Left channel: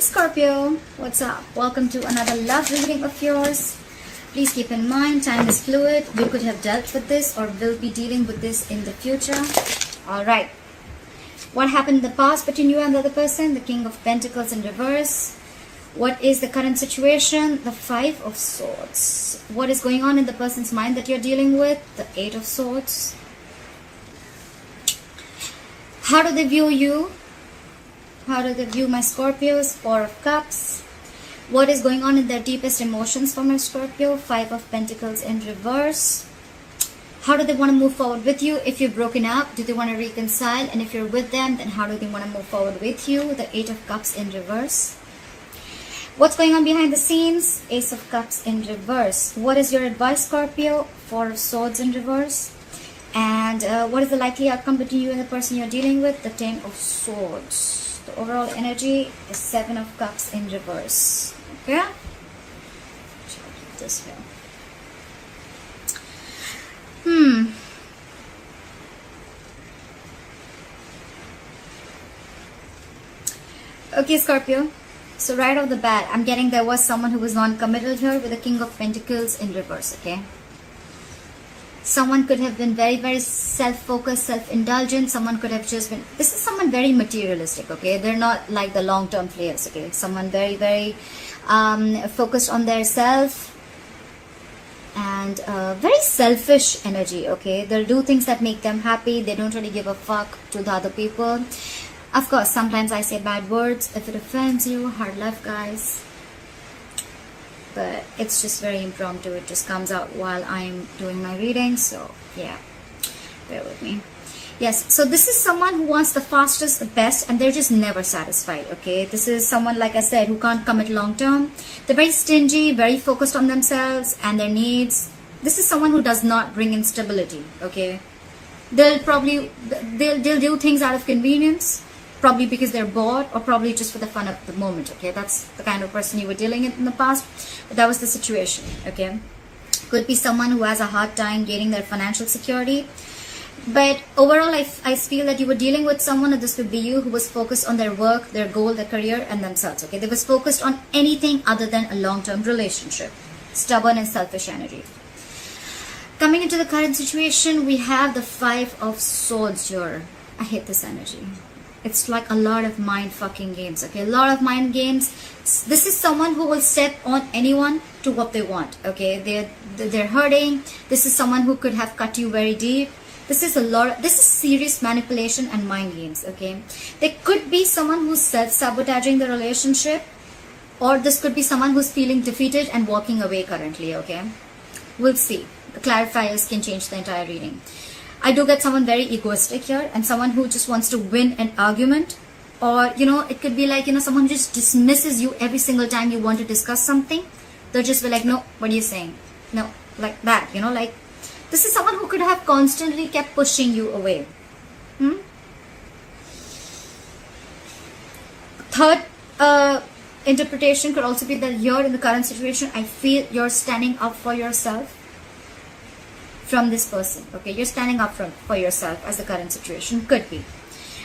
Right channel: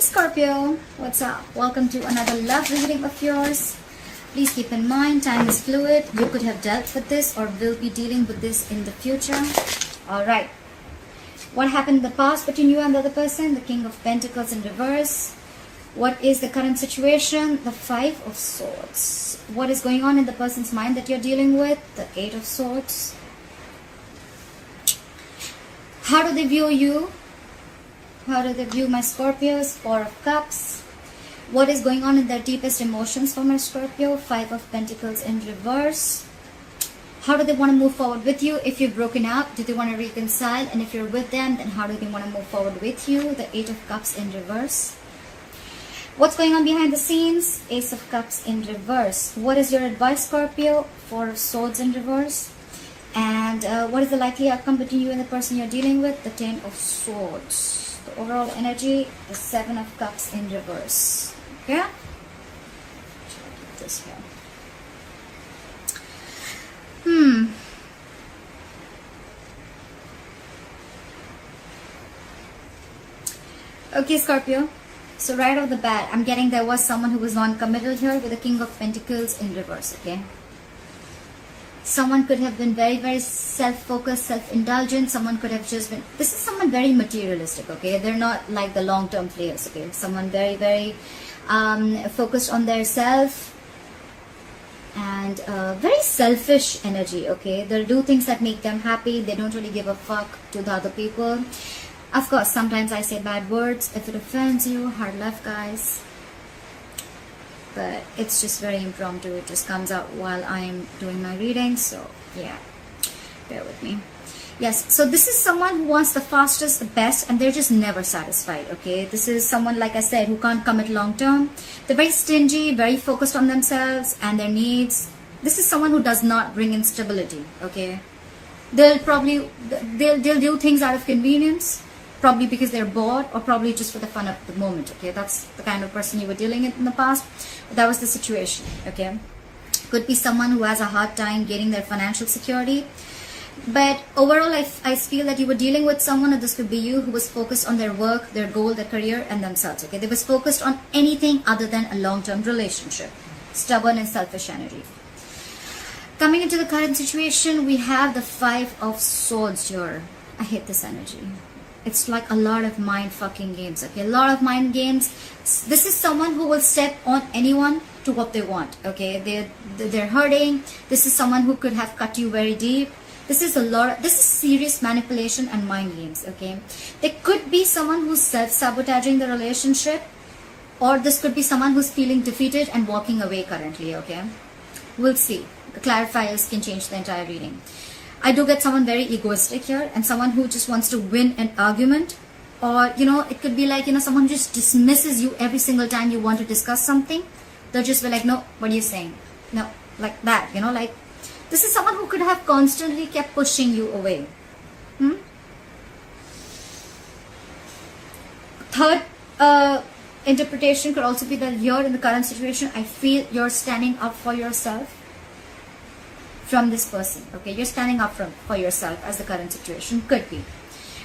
Scorpio, what's up? Welcome to another love reading of yours. Please keep in mind, time is fluid. You could have dealt with this or will be dealing with this in the future. Alright. What happened in the past between you and the other person? The King of Pentacles in reverse. What is the current situation? The Five of Swords. What is going on in the person's mind that you're dealing with? The Eight of Swords. How do they view you? How do they view my Scorpios? Four of Cups. What is going on in their deepest emotions for my Scorpio? Five of Pentacles in reverse. How do they want to move forward with you? If you've broken up, do they want to reconcile? And if you're with them, then how do they want to move forward with you? The Eight of Cups in reverse. What's going on behind the scenes? Ace of Cups in reverse. What is your advice, Scorpio? Four of Swords in reverse. And what is the likely outcome between you and the person you're dealing with? The Ten of Swords. The overall energy is Seven of Cups in reverse. Okay? Should I keep this here? Okay, Scorpio. So right off the bat, I'm getting there was someone who was non-committal here with the King of Pentacles in reverse, okay? Someone could have been very, very self-focused, self-indulgent. Someone could have just been... This is someone very materialistic, okay? They're not like the long-term players, okay? Someone very, very focused on their self and very selfish energy, okay? They'll do things that make them happy. They don't really give a fuck to the other people. Of course, sometimes I say bad words. If it offends you, hard left, guys. But it's just very impromptu. It just comes out while I'm doing my reading. So, yeah. Bear with me. Yes, so this is someone who wants the fastest, the best, and they're just never satisfied, okay? This is someone, like I said, who can't commit long term. They're very stingy, very focused on themselves and their needs. This is someone who does not bring in stability, okay? They'll do things out of convenience. Probably because they're bored, or probably just for the fun of the moment, okay? That's the kind of person you were dealing with in the past. But that was the situation, okay? Could be someone who has a hard time gaining their financial security. But overall, I feel that you were dealing with someone, and this could be you, who was focused on their work, their goal, their career, and themselves, okay? They was focused on anything other than a long-term relationship. Stubborn and selfish energy. Coming into the current situation, we have the Five of Swords here. I hate this energy. It's like a lot of mind fucking games, okay? A lot of mind games. This is someone who will step on anyone to what they want, okay? They're hurting. This is someone who could have cut you very deep. This is serious manipulation and mind games, okay? There could be someone who's self-sabotaging the relationship, or this could be someone who's feeling defeated and walking away currently, okay? We'll see. The clarifiers can change the entire reading. I do get someone very egoistic here, and someone who just wants to win an argument, or, you know, it could be like, you know, someone just dismisses you every single time you want to discuss something. They'll just be like, no, what are you saying? No, like that, you know, like, this is someone who could have constantly kept pushing you away. Third interpretation could also be that you're in the current situation. I feel you're standing up for yourself from this person, okay? You're standing up for yourself as the current situation could be.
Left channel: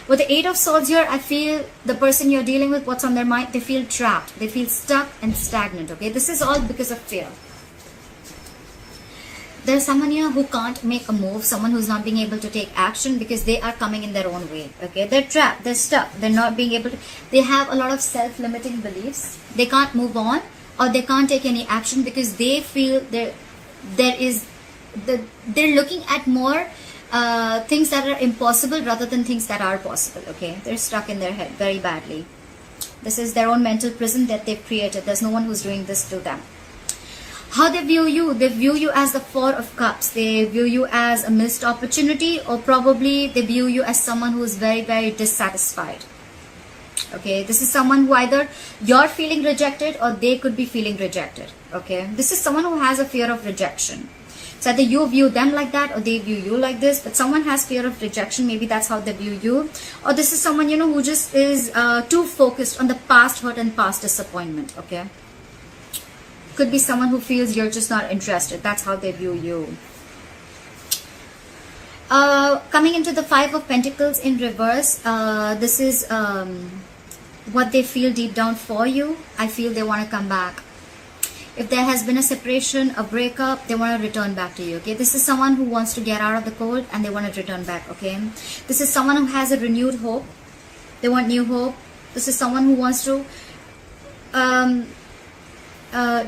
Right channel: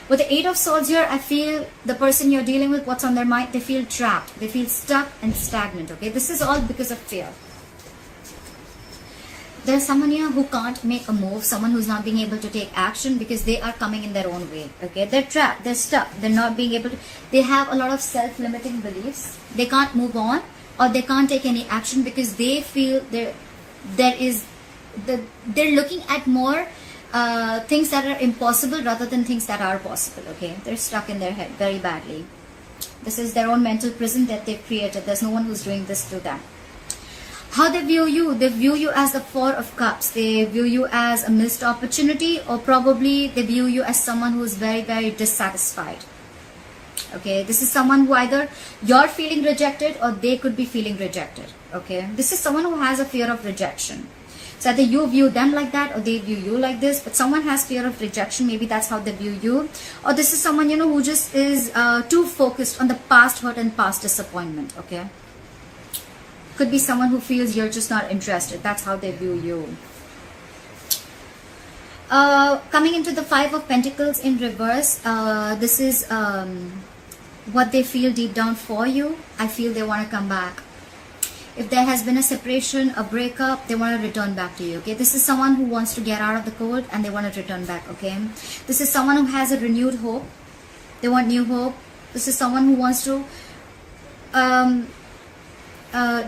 With the Eight of Swords here, I feel the person you're dealing with, what's on their mind, they feel trapped, they feel stuck and stagnant, okay? This is all because of fear. There's someone here who can't make a move, someone who's not being able to take action because they are coming in their own way, okay? They're trapped, they're stuck, they're not being able to, they have a lot of self-limiting beliefs. They can't move on, or they can't take any action because they feel they're looking at more things that are impossible rather than things that are possible, okay? They're stuck in their head very badly. This is their own mental prison that they've created. There's no one who's doing this to them. How they view you? They view you as the Four of Cups. They view you as a missed opportunity, or probably they view you as someone who is very, very dissatisfied. Okay, this is someone who either you're feeling rejected or they could be feeling rejected, okay? This is someone who has a fear of rejection. So either you view them like that or they view you like this, but someone has fear of rejection. Maybe that's how they view you. Or this is someone, you know, who just is too focused on the past hurt and past disappointment, okay? Could be someone who feels you're just not interested. That's how they view you. Coming into the Five of Pentacles in reverse, this is what they feel deep down for you, I feel they want to come back. If there has been a separation, a breakup, they want to return back to you, okay? This is someone who wants to get out of the cold and they want to return back, okay? This is someone who has a renewed hope. They want new hope. This is someone who wants to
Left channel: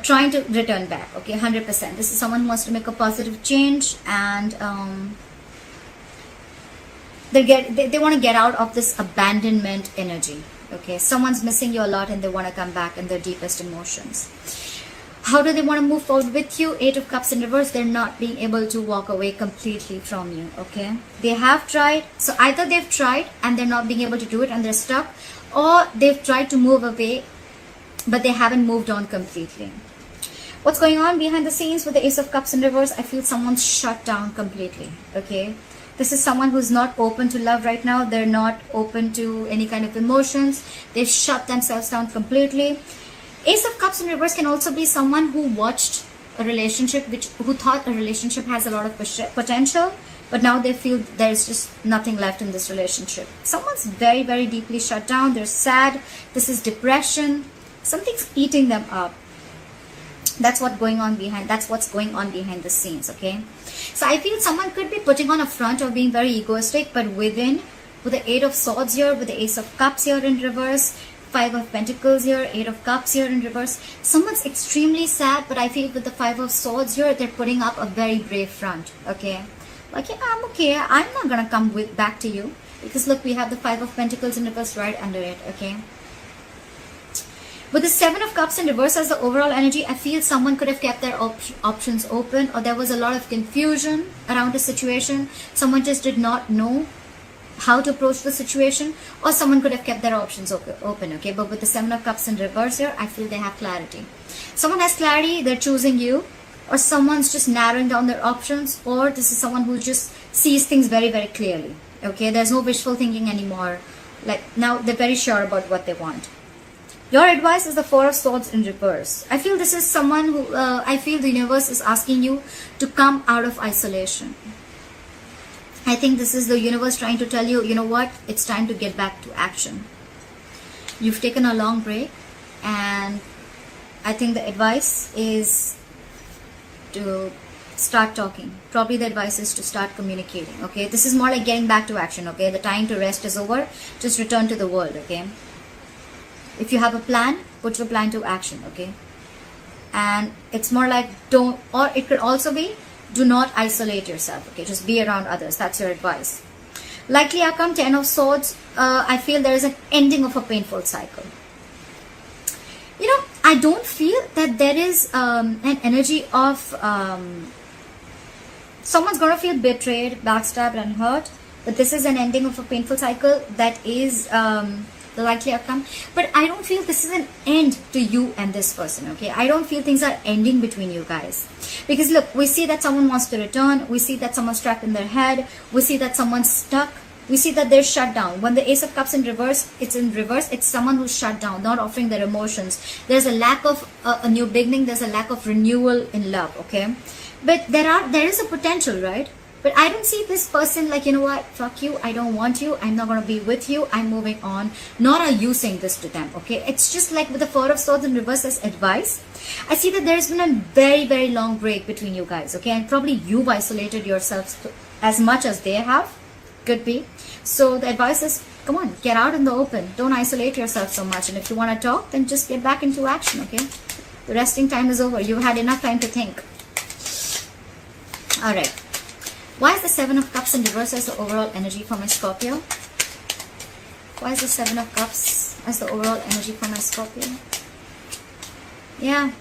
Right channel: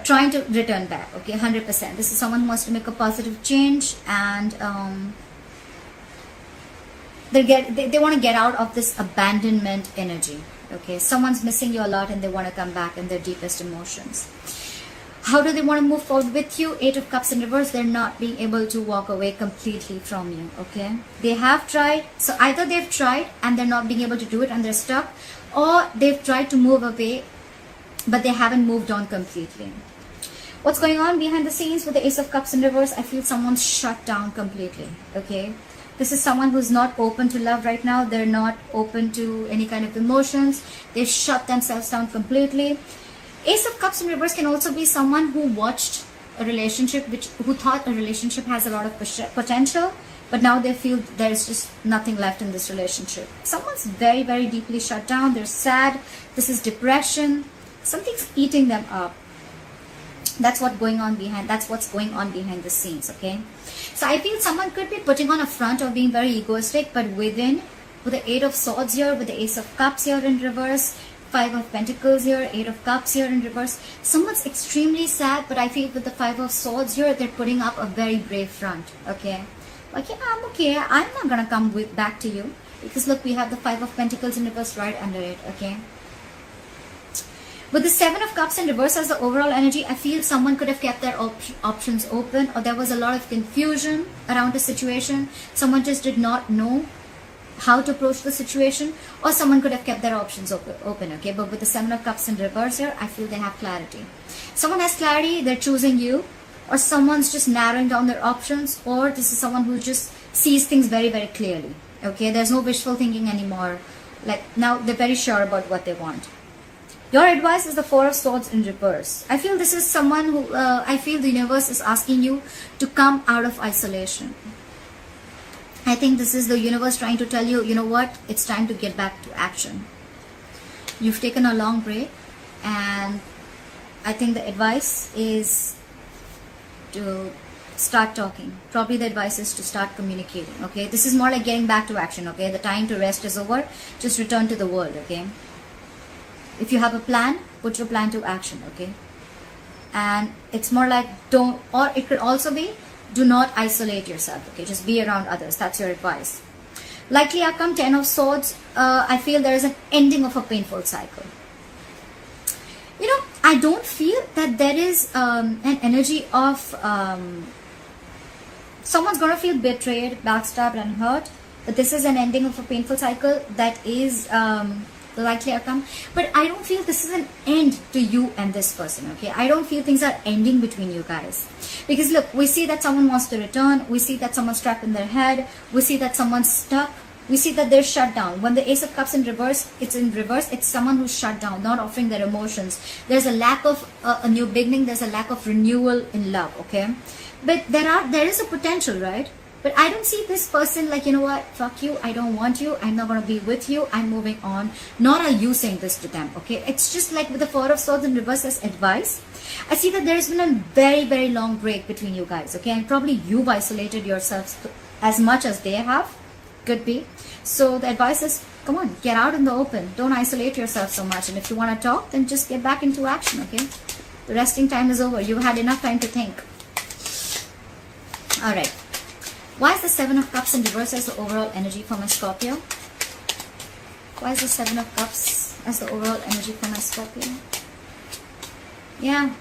try to return back, okay? 100%. This is someone who wants to make a positive change, and they want to get out of this abandonment energy, okay? Someone's missing you a lot and they want to come back in their deepest emotions. How do they want to move forward with you? 8 of Cups in reverse. They're not being able to walk away completely from you, okay? They have tried. So either they've tried and they're not being able to do it and they're stuck, or they've tried to move away but they haven't moved on completely. What's going on behind the scenes with the Ace of Cups in reverse? I feel someone's shut down completely, okay? This is someone who's not open to love right now. They're not open to any kind of emotions. They've shut themselves down completely. Ace of Cups in reverse can also be someone who watched a relationship, who thought a relationship has a lot of potential, but now they feel there's just nothing left in this relationship. Someone's very, very deeply shut down. They're sad. This is depression. Something's eating them up. That's what's going on behind the scenes, okay? So I feel someone could be putting on a front of being very egoistic, but within, with the 8 of Swords here, with the Ace of Cups here in reverse, 5 of Pentacles here, 8 of Cups here in reverse, someone's extremely sad, but I feel with the 5 of Swords here, they're putting up a very brave front, okay? Like, yeah, I'm okay, I'm not gonna come back to you, because look, we have the 5 of Pentacles in reverse right under it, okay? But the 7 of Cups in reverse as the overall energy, I feel someone could have kept their options open, or there was a lot of confusion around the situation. Someone just did not know how to approach the situation, or someone could have kept their options open, okay? But with the 7 of Cups in reverse here, I feel they have clarity. Someone has clarity, they're choosing you, or someone's just narrowing down their options, or this is someone who just sees things very, very clearly, okay? There's no wishful thinking anymore. Like, now they're very sure about what they want. Your advice is the 4 of Swords in reverse. I feel this is someone who, I feel the universe is asking you to come out of isolation. I think this is the universe trying to tell you, you know what, it's time to get back to action. You've taken a long break, and I think the advice is to start talking. Probably the advice is to start communicating, okay? This is more like getting back to action, okay? The time to rest is over. Just return to the world, okay? If you have a plan, put your plan to action, okay? And it's more like don't, or it could also be, do not isolate yourself, okay? Just be around others. That's your advice. Likely outcome, 10 of Swords. I feel there is an ending of a painful cycle. You know, I don't feel that there is an energy of someone's going to feel betrayed, backstabbed and hurt. But this is an ending of a painful cycle. That is the likely outcome. But I don't feel this is an end to you and this person, okay? I don't feel things are ending between you guys. Because look, we see that someone wants to return. We see that someone's trapped in their head. We see that someone's stuck. We see that they're shut down. When the Ace of Cups in reverse, it's someone who's shut down, not offering their emotions. There's a lack of a new beginning. There's a lack of renewal in love, okay? But there is a potential, right? But I don't see this person like, you know what, fuck you, I don't want you, I'm not going to be with you, I'm moving on. Nor are you saying this to them, okay? It's just like with the 4 of Swords in reverse as advice. I see that there's been a very, very long break between you guys, okay? And probably you've isolated yourselves as much as they have. Could be. So the advice is, come on, get out in the open. Don't isolate yourself so much. And if you want to talk, then just get back into action, okay? The resting time is over. You've had enough time to think. Alright. Why is the 7 of Cups in reverse as the overall energy for my Scorpio? Why is the 7 of Cups as the overall energy for my Scorpio? Yeah.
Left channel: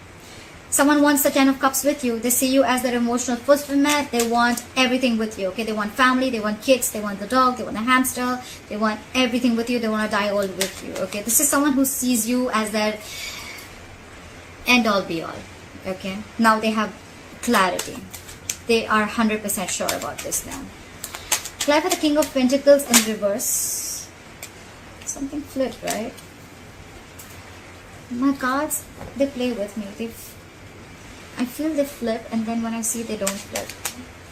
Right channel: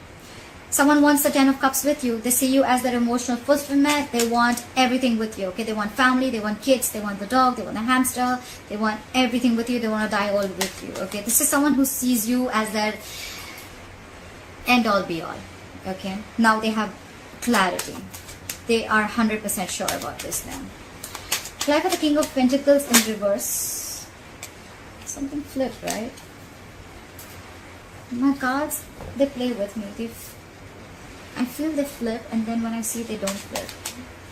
Someone wants the 10 of Cups with you. They see you as their emotional fulfillment. They want everything with you, okay? They want family, they want kids, they want the dog, they want the hamster. They want everything with you. They want to die all with you, okay? This is someone who sees you as their end all be all, okay? Now they have clarity. They are 100% sure about this now. Apply for the King of Pentacles in reverse. Something flipped, right? My cards, they play with me. I feel they flip, and then when I see they don't flip.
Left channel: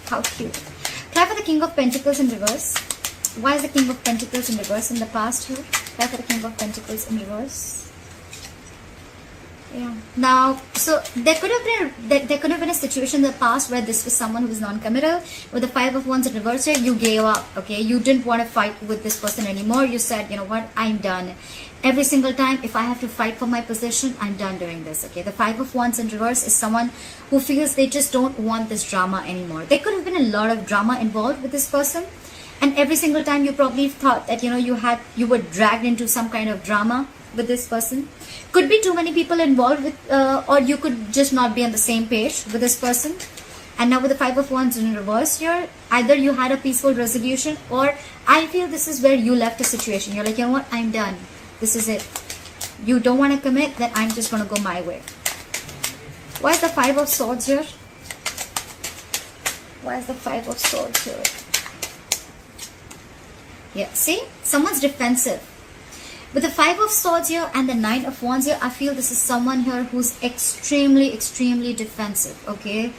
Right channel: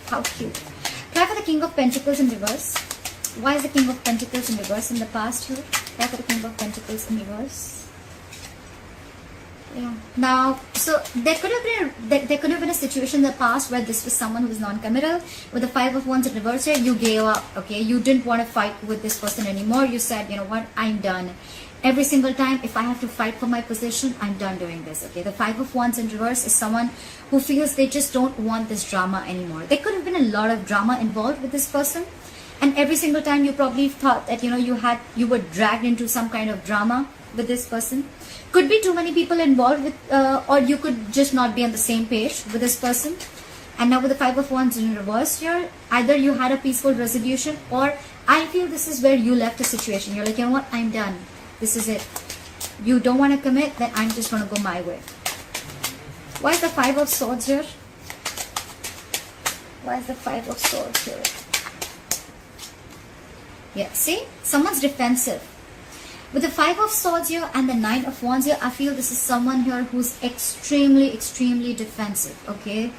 How cute. Apply for the King of Pentacles in reverse. Why is the King of Pentacles in reverse in the past here? Why the King of Pentacles in reverse? Yeah. Now, so there could have been a situation in the past where this was someone who was non-committal. With the Five of Wands in reverse here, you gave up. Okay, you didn't want to fight with this person anymore. You said, you know what, I'm done. Every single time, if I have to fight for my position, I'm done doing this. Okay, the Five of Wands in reverse is someone who feels they just don't want this drama anymore. There could have been a lot of drama involved with this person, and every single time you probably thought that, you know, you were dragged into some kind of drama with this person. Could be too many people involved with, or you could just not be on the same page with this person. And now with the Five of Wands in reverse here, either you had a peaceful resolution, or I feel this is where you left the situation. You're like, you know what, I'm done. This is it. You don't want to commit, then I'm just going to go my way. Why is the Five of Swords here? Why is the Five of Swords here? Yeah, see? Someone's defensive. With the Five of Swords here and the Nine of Wands here, I feel this is someone here who's extremely defensive, okay?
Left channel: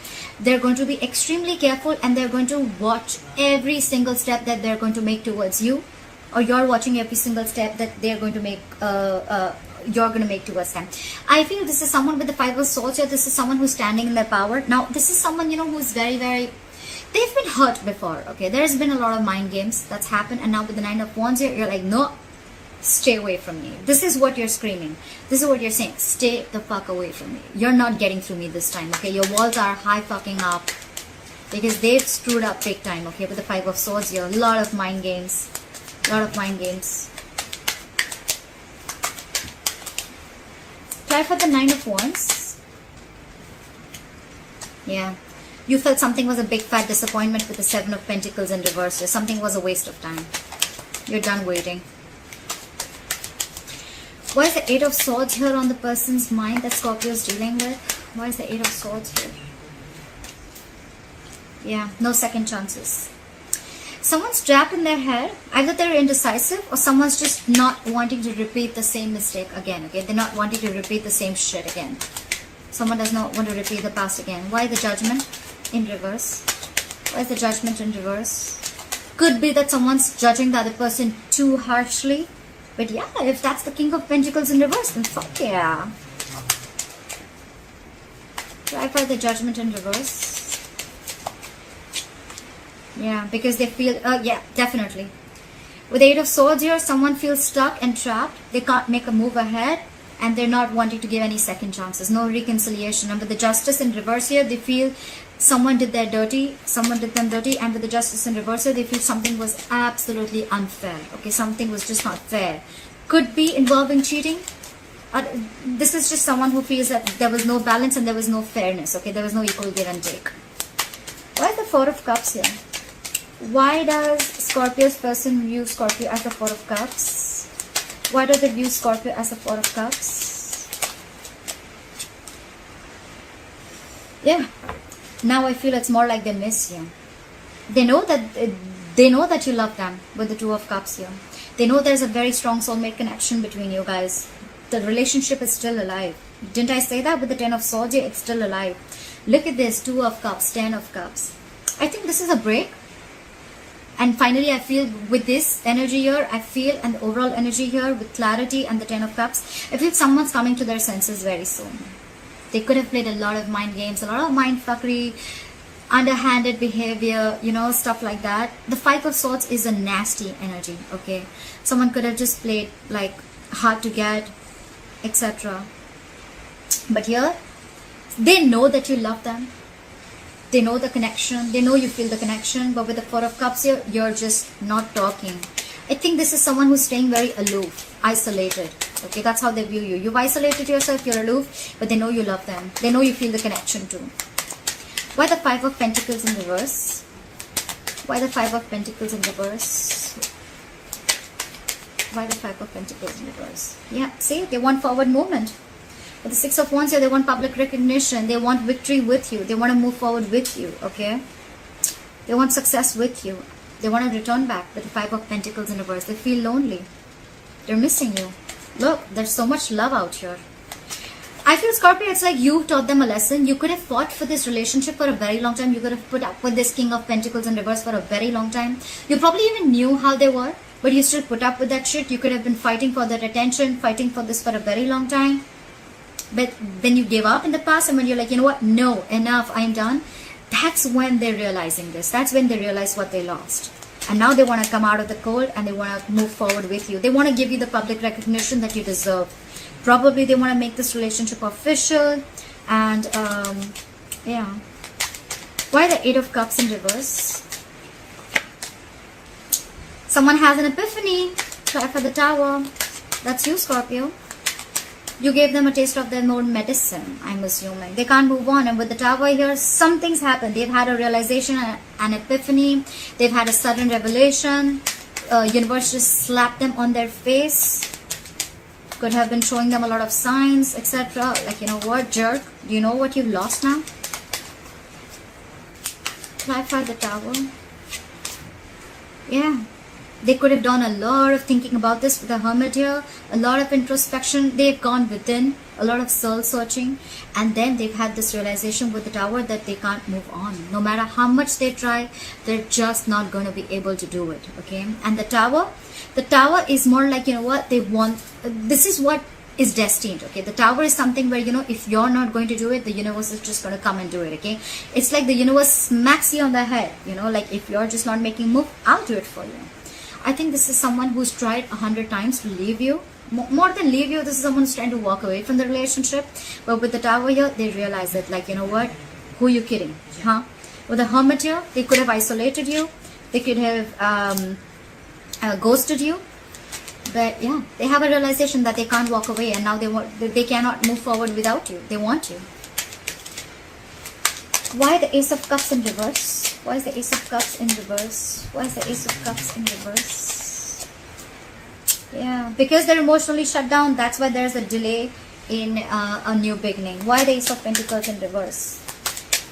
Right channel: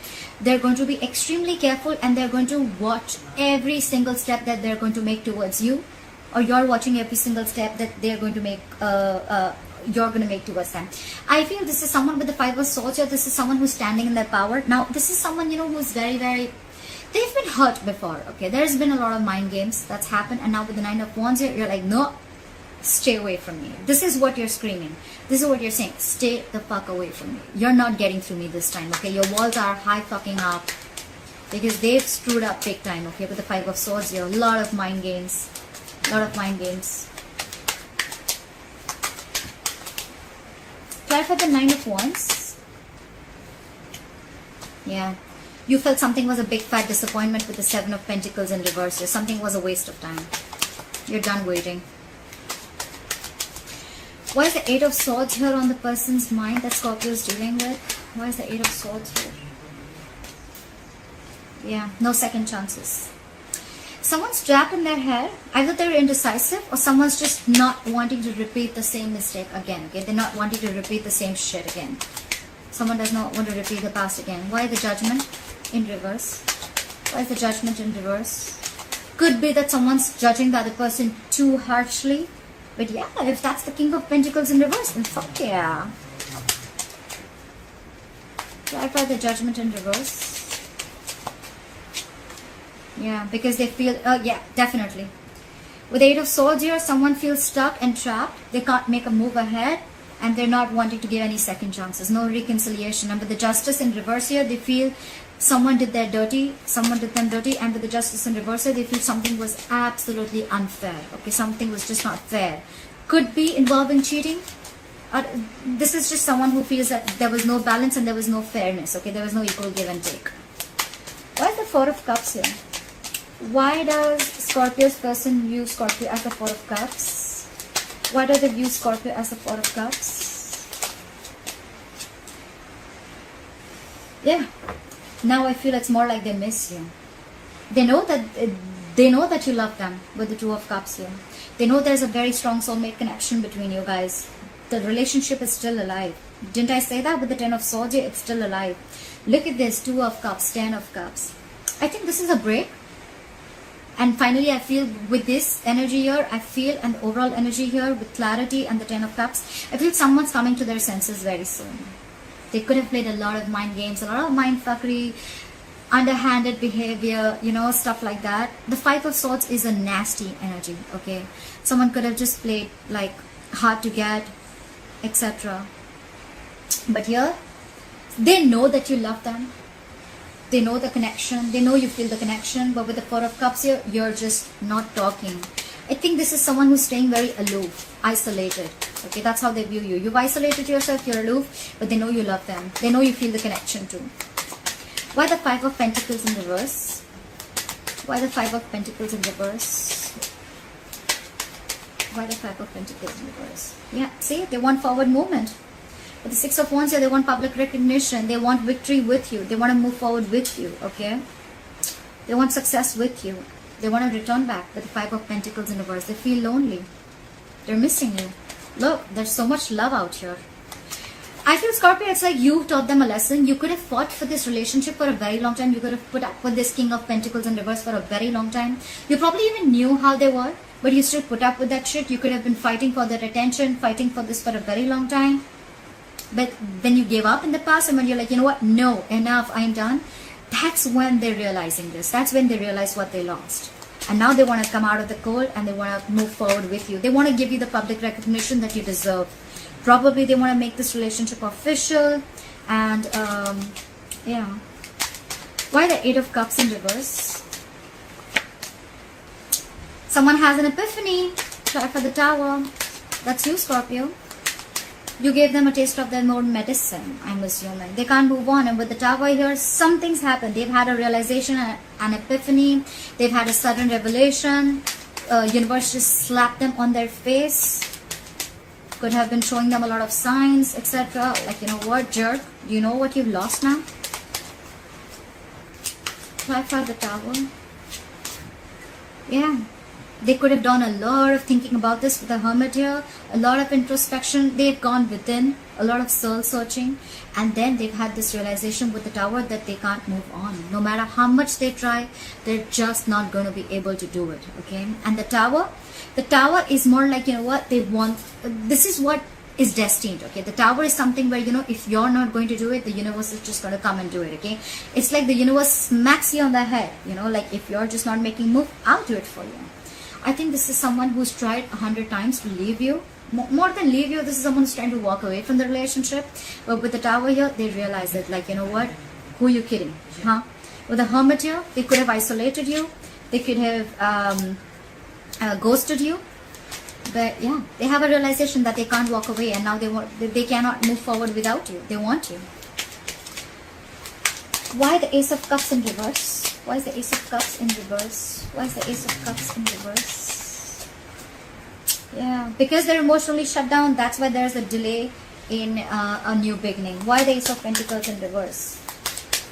They're going to be extremely careful, and they're going to watch every single step that they're going to make towards you, or you're watching every single step that they're going to make, you're going to make towards them. I feel this is someone with the Five of Swords here. This is someone who's standing in their power. Now, this is someone, you know, who's very, they've been hurt before, okay? There's been a lot of mind games that's happened, and now with the Nine of Wands here, you're like, no, stay away from me. This is what you're screaming. This is what you're saying. Stay the fuck away from me. You're not getting through me this time, okay? Your walls are high fucking up, because they've screwed up big time, okay? With the Five of Swords here, a lot of mind games. A lot of mind games. Try for the Nine of Wands. Yeah. You felt something was a big fat disappointment with the Seven of Pentacles in reverse. Or something was a waste of time. You're done waiting. Why is the Eight of Swords here on the person's mind that Scorpio is dealing with? Why is the Eight of Swords here? Yeah, no second chances. Someone's trapped in their head. Either they're indecisive, or someone's just not wanting to repeat the same mistake again. Okay, they're not wanting to repeat the same shit again. Someone does not want to repeat the past again. Why the Judgment in reverse? Why is the Judgment in reverse? Could be that someone's judging the other person too harshly. But yeah, if that's the King of Pentacles in reverse, then fuck yeah. Try for the Judgment in reverse. Yeah, because they feel, yeah, definitely. With the Eight of Swords here, someone feels stuck and trapped. They can't make a move ahead, and they're not wanting to give any second chances. No reconciliation. And with the Justice in reverse here, they feel someone did them dirty. And with the Justice in reverse here, they feel something was absolutely unfair. Okay, something was just not fair. Could be involving cheating. This is just someone who feels that there was no balance and there was no fairness. Okay, there was no equal give and take. Why is the Four of Cups here? Why does Scorpio's person view Scorpio as the Four of Cups? Why does it view Scorpio as the Four of Cups? Yeah. Now I feel it's more like they miss you. They know that you love them with the Two of Cups here. They know there's a very strong soulmate connection between you guys. The relationship is still alive. Didn't I say that with the Ten of Swords here? It's still alive. Look at this. Two of Cups, Ten of Cups. I think this is a break. And finally, I feel with this energy here, I feel, and the overall energy here with clarity and the Ten of Cups, I feel someone's coming to their senses very soon. They could have played a lot of mind games, a lot of mind fuckery, underhanded behavior, you know, stuff like that. The Five of Swords is a nasty energy, okay? Someone could have just played like hard to get, etc. But here, they know that you love them. They know the connection. They know you feel the connection. But with the Four of Cups here, you're just not talking. I think this is someone who's staying very aloof, isolated. Okay, that's how they view you. You've isolated yourself, you're aloof, but they know you love them. They know you feel the connection too. Why the Five of Pentacles in reverse? Why the Five of Pentacles in reverse? Why the Five of Pentacles in reverse? Yeah, see, they want forward movement. With the Six of Wands here, they want public recognition. They want victory with you. They want to move forward with you, okay? They want success with you. They want to return back with the Five of Pentacles in reverse. They feel lonely. They're missing you. Look, there's so much love out here. I feel, Scorpio, it's like you taught them a lesson. You could have fought for this relationship for a very long time. You could have put up with this King of Pentacles in reverse for a very long time. You probably even knew how they were, but you still put up with that shit. You could have been fighting for that attention, fighting for this for a very long time. But then you gave up in the past, and when you're like, you know what, no, enough, I'm done. That's when they're realizing this. That's when they realize what they lost. And now they want to come out of the cold and they want to move forward with you. They want to give you the public recognition that you deserve. Probably they want to make this relationship official. And yeah. Why the 8 of Cups in reverse? Someone has an epiphany. Try for the Tower. That's you, Scorpio. You gave them a taste of their own medicine, I'm assuming. They can't move on. And with the Tower here, something's happened. They've had a realization, an epiphany. They've had a sudden revelation. Universe just slapped them on their face. Could have been showing them a lot of signs, etc. Like, you know what, jerk? Do you know what you've lost now? Clarify the Tower. Yeah. They could have done a lot of thinking about this with the Hermit here. A lot of introspection. They've gone within. A lot of soul searching. And then they've had this realization with the Tower that they can't move on. No matter how much they try, they're just not going to be able to do it. Okay? And the Tower is more like, you know what, they want. This is what is destined. Okay? The Tower is something where, you know, if you're not going to do it, the universe is just going to come and do it. Okay? It's like the universe smacks you on the head. You know, like if you're just not making move, I'll do it for you. I think this is someone who's tried 100 times to leave you. More than leave you, this is someone who's trying to walk away from the relationship. But with the Tower here, they realize it. Like, you know what? Who are you kidding? Huh? With the Hermit here, they could have isolated you. They could have ghosted you. But yeah, they have a realization that they can't walk away. And now they cannot move forward without you. They want you. Why the Ace of Cups in reverse? Why is the Ace of Cups in reverse? Why is the Ace of Cups in reverse? Yeah, because they're emotionally shut down. That's why there's a delay in a new beginning. Why the Ace of Pentacles in reverse?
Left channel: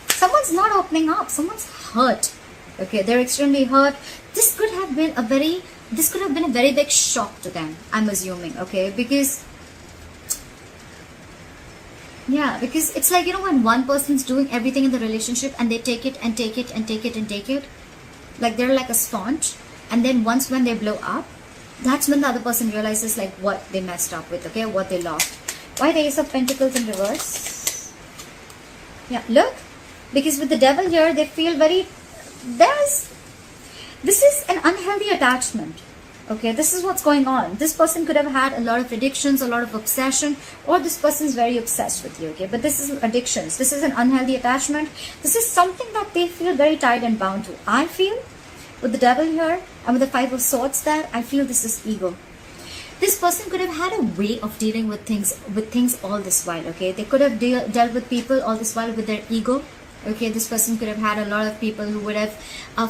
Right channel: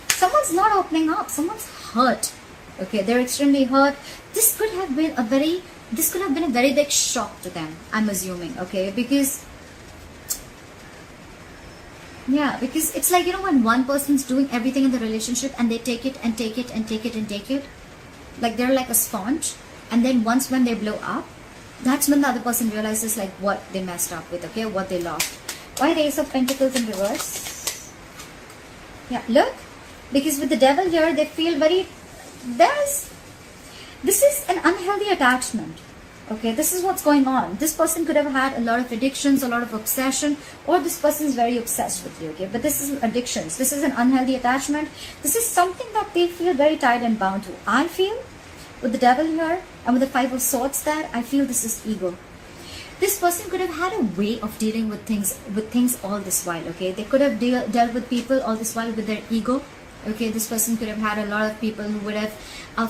Someone's not opening up. Someone's hurt. Okay, they're extremely hurt. This could have been a very big shock to them, I'm assuming. Okay, because yeah, because it's like, you know, when one person's doing everything in the relationship and they take it and take it and take it and take it, like they're like a sponge, and then once when they blow up, that's when the other person realizes like what they messed up with, okay, what they lost. Why the Ace of Pentacles in reverse? Yeah, look, because with the Devil here, they feel very, this is an unhealthy attachment. Okay, this is what's going on. This person could have had a lot of addictions, a lot of obsession, or this person is very obsessed with you, okay? But this is addictions. This is an unhealthy attachment. This is something that they feel very tied and bound to. I feel, with the Devil here, and with the 5 of Swords there, I feel this is ego. This person could have had a way of dealing with things all this while, okay? They could have dealt with people all this while with their ego, okay? This person could have had a lot of people who would have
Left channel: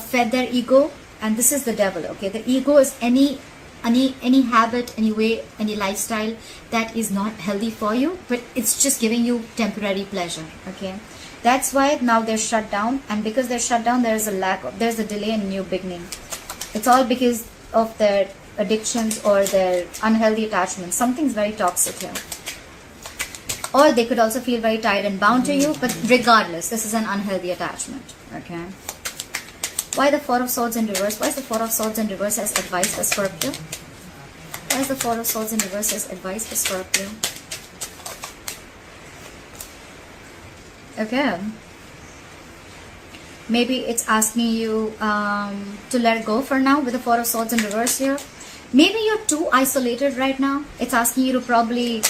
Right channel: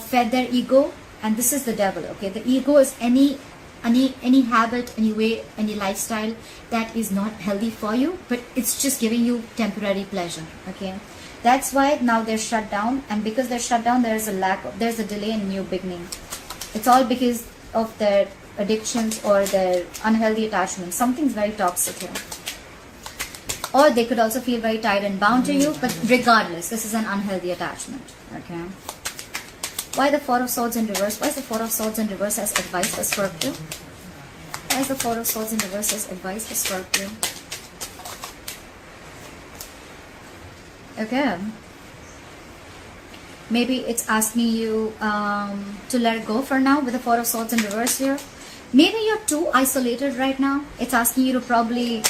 fed their ego. And this is the Devil, okay? The ego is any habit, any way, any lifestyle that is not healthy for you, but it's just giving you temporary pleasure, okay? That's why now they're shut down, and because they're shut down, there's a delay in a new beginning. It's all because of their addictions or their unhealthy attachments. Something's very toxic here. Or they could also feel very tied and bound to you, but regardless, this is an unhealthy attachment, okay? Why the 4 of Swords in reverse? Why is the 4 of Swords in reverse as advice as Scorpio? Why is the 4 of Swords in reverse as advice as Scorpio? Okay. Maybe it's asking you to let go for now with the 4 of Swords in reverse here. Maybe you're too isolated right now. It's asking you to probably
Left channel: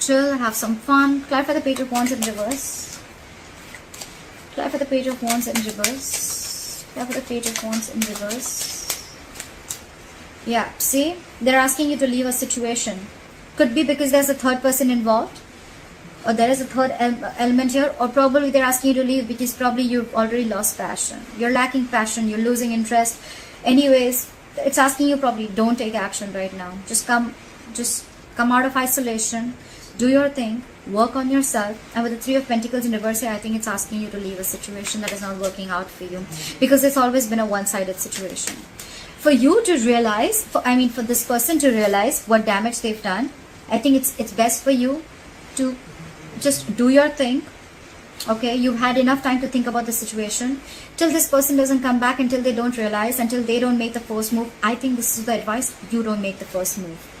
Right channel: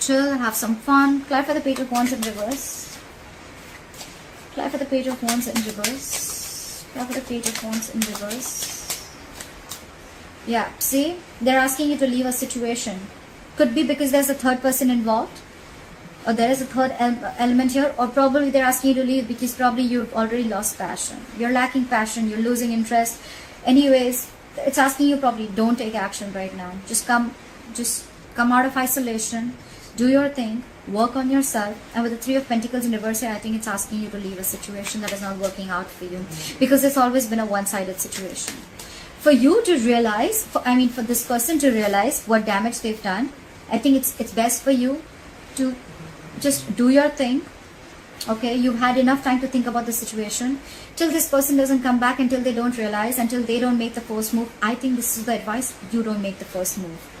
chill, have some fun. Clarify the Page of Wands in reverse. Clarify the Page of Wands in reverse. Clarify the Page of Wands in reverse. Yeah, see? They're asking you to leave a situation. Could be because there's a third person involved. Or there is a third element here. Or probably they're asking you to leave because probably you've already lost passion. You're lacking passion. You're losing interest. Anyways, it's asking you probably don't take action right now. Just come out of isolation. Do your thing, work on yourself. And with the 3 of Pentacles in reverse here, I think it's asking you to leave a situation that is not working out for you. Because it's always been a one-sided situation. For you to realize, for this person to realize what damage they've done, I think it's best for you to just do your thing. Okay, you had enough time to think about the situation. Till this person doesn't come back, until they don't realize, until they don't make the first move, I think this is the advice: you don't make the first move.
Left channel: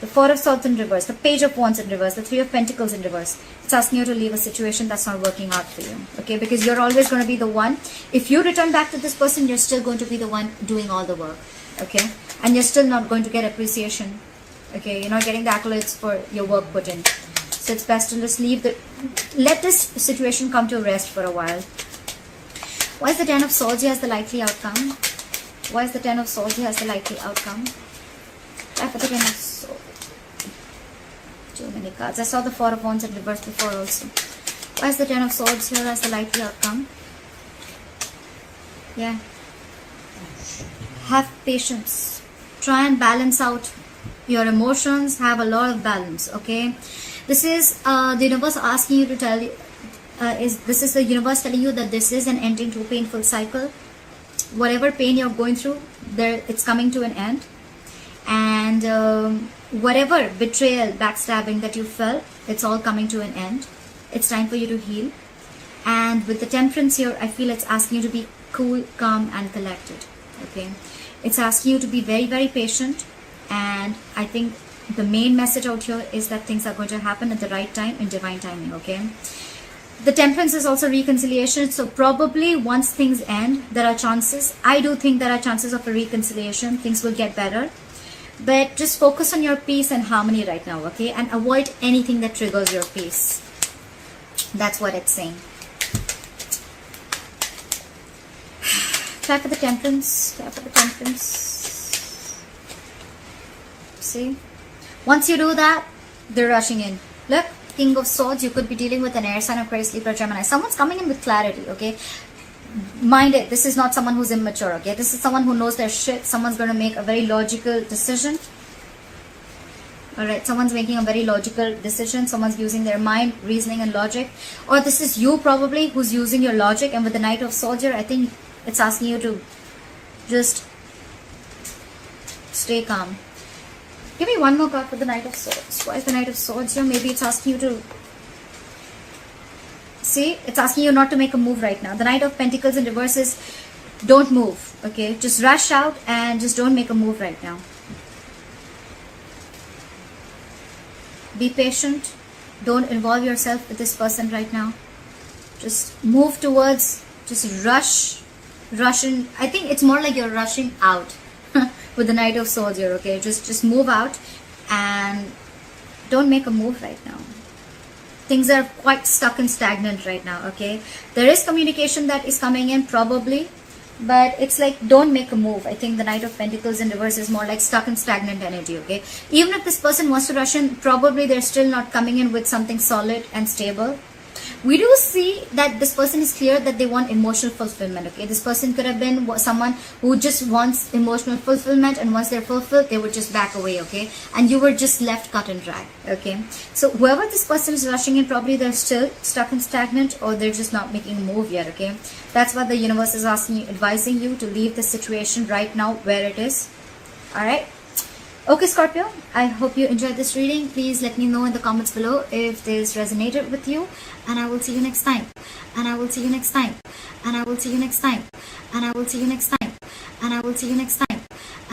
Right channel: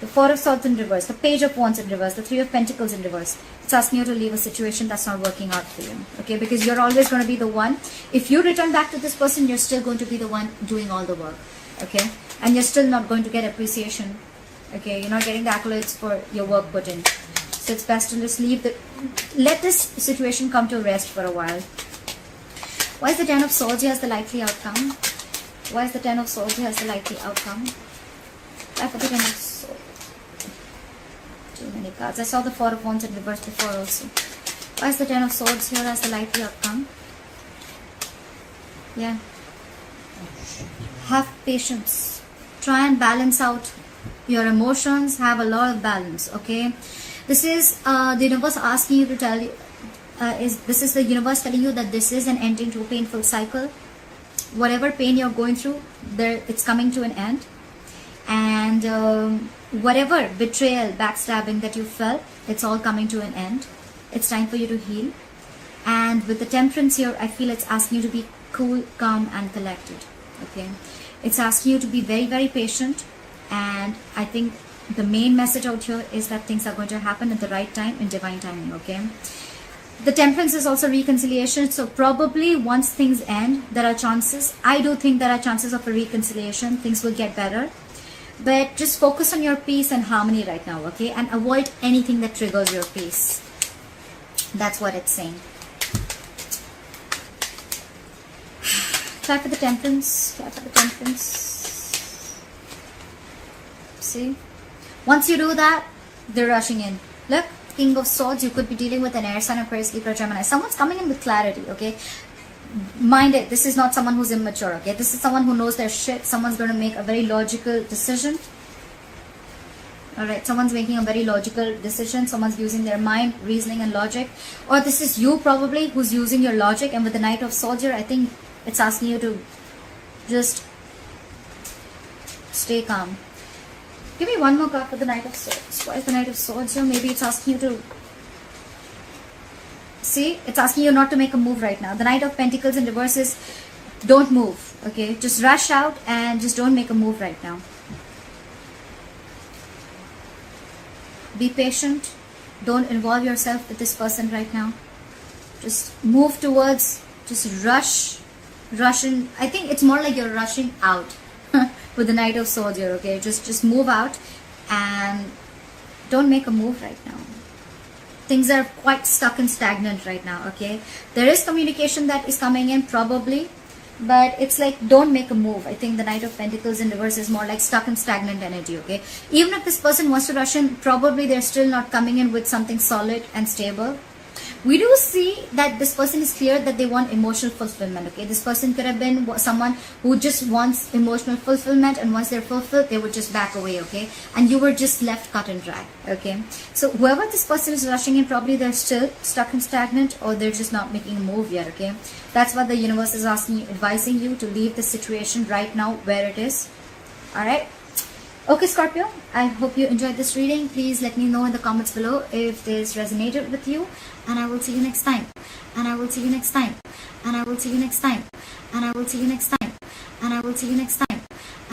The Four of Swords in reverse, the Page of Wands in reverse, the Three of Pentacles in reverse. It's asking you to leave a situation that's not working out for you. Okay, because you're always going to be the one. If you return back to this person, you're still going to be the one doing all the work. Okay, and you're still not going to get appreciation. Okay, you're not getting the accolades for your work put in. So it's best to just let this situation come to rest for a while. Why is the Ten of Swords here as the likely outcome? Why is the Ten of Swords here as the likely outcome? Why for the Ten of Swords? Too many cards. I saw the Four of Wands in reverse before also. Why is the Ten of Swords here as the likely outcome? Yeah. Have patience. Try and balance out your emotions. Have a lot of balance. Okay. This is the universe asking you to tell you, this is the universe telling you that this is an ending to a painful cycle. Whatever pain you're going through, it's coming to an end. And whatever betrayal, backstabbing that you felt, it's all coming to an end. It's time for you to heal. And with the Temperance here, I feel it's asking you to be cool, calm, and collected. Okay, it's asking you to be very, very patient. And I think the main message out here is that things are going to happen at the right time, in divine timing. Okay, the Temperance is also reconciliation. So probably once things end, there are chances. I do think there are chances of a reconciliation. Things will get better. But just focus on your peace and harmony right now. Okay, and avoid anything that triggers your peace. That's what it's saying. Try for the Temperance. Try for the Temperance. See? Once you do that, they're rushing in. Look, King of Swords, you could be dealing with an air sign, Aquarius, Libra, Gemini. Someone's coming in with clarity, okay? Mind it, this is not someone who's immature, okay? This is someone who knows their shit. Someone's going to make a very logical decision. Alright, someone's making a very logical decision. Someone's using their mind, reasoning, and logic. Or this is you probably who's using your logic. And with the Knight of Swords here, I think it's asking you to just stay calm. Give me one more card for the Knight of Swords. Why is the Knight of Swords here? Maybe it's asking you to... See? It's asking you not to make a move right now. The Knight of Pentacles in reverse is don't move. Okay? Just rush out and just don't make a move right now. Be patient. Don't involve yourself with this person right now. Just move towards... Just rush. Rush in. I think it's more like you're rushing out. With the Knight of Swords here, okay? Just move out and don't make a move right now. Things are quite stuck and stagnant right now, okay? There is communication that is coming in probably, but it's like don't make a move. I think the Knight of Pentacles in reverse is more like stuck and stagnant energy, okay? Even if this person wants to rush in, probably they're still not coming in with something solid and stable. We do see that this person is clear that they want emotional fulfillment, okay? This person could have been someone who just wants emotional fulfillment, and once they're fulfilled, they would just back away, okay? And you were just left cut and dry, okay? So whoever this person is rushing in, probably they're still stuck and stagnant, or they're just not making a move yet, okay? That's what the universe is asking you, advising you to leave the situation right now where it is, alright? Okay, Scorpio, I hope you enjoyed this reading. Please let me know in the comments below if this resonated with you. And I will see you next time. And I will see you next time. And I will see you next time. And I will see you next time. And I will see you next time.